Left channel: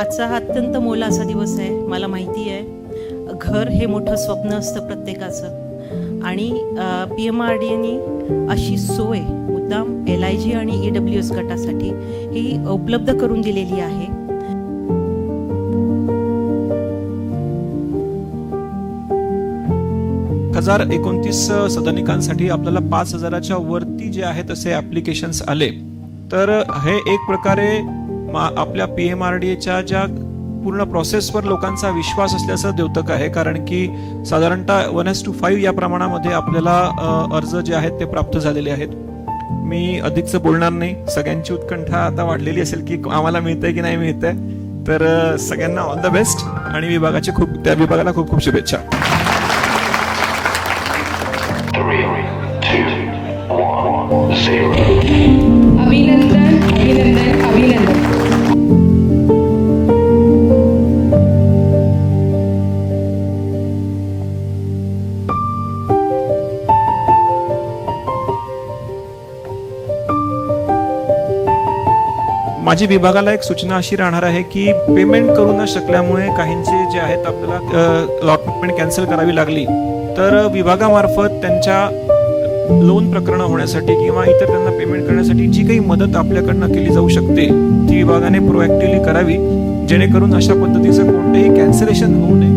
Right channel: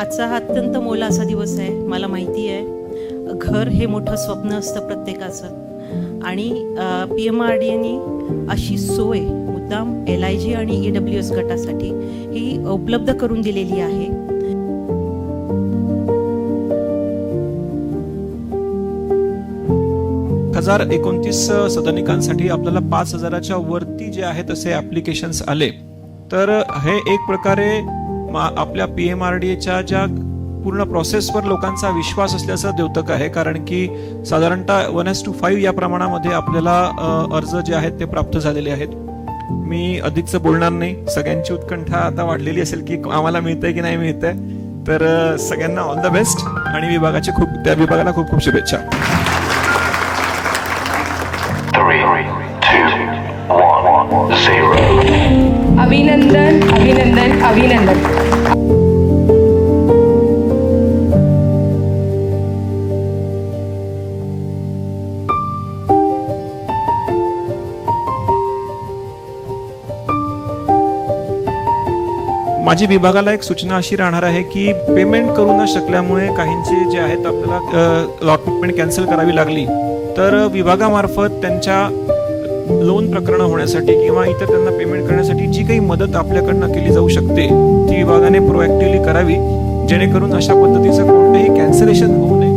आजचा हा अत्यंत मोलाचा दिवस आहे. मला माहिती आहे घर हे मोठं स्वप्न असतं प्रत्येकाचं आणि PMRDAनी अशी सोय मुद्दाम LIG आणि EWS गटासाठी ही उपलब्ध करून दिलेली आहे. हजार 29 सदनिकांसाठी आपल्याला 5,000च्या वरती जे आहेत असे ॲप्लिकेशन्स आले. तर हे एक प्रकारे आपल्या PMRDAच्या ज्या पूर्ण प्रोसेसवर लोकांचा विश्वास असल्याचं द्योतक आहे, कारण की साधारणतः 1:5 या प्रमाणामध्ये आपल्याला अर्ज जे आहेत ते प्राप्त झालेले आहेत. मी अधिकच बोलणार नाही. सगळ्यांची उत्कंठा आता वाढलेली असेल की आम्हाला मिळतंय की नाही मिळतंय. तर सगळ्यांना ऑल द बेस्ट आणि त्या विभागाला खूप खूप शुभेच्छा. 3, 2, 1, 0. अभिनंदन अभिनंदन अभिनंदन. माझी विभागाला एक सूचना अशी राहणार आहे की पेमेंट करू न शकल्यामुळे काहींचे जे आहेत आपल्याला अलॉटमेंट कॅन्सल करावी लागली, तर विभागामार्फत त्यांच्या लोन प्रकरण होण्यासाठी किंवा इतर त्यांना पेमेंट करण्यासाठी जी काही मदत आपल्याकडनं केली जाऊ शकते ती विभागाने प्रोएक्टिव्हली करावी, जेणेकरून अशा पद्धतीचं कोणतेही कॅन्सलेशन होऊ नये.